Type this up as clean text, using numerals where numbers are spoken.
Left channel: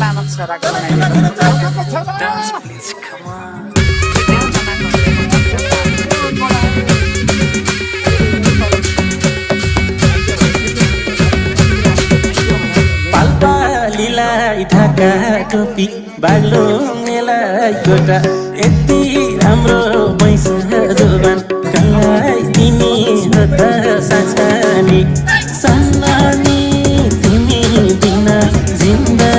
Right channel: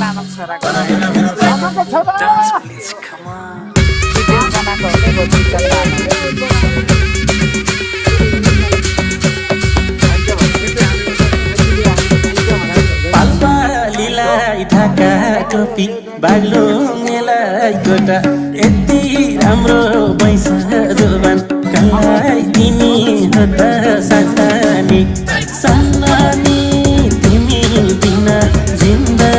लामक छोराको Dance, please, come on. पाल्पालीलाई Dhaka टोपी बाग्लुङलाई गोटा यति राम्रो भैँस जोबान कलाई दिने हो त सानी सानी तिमी बिना जिन्दा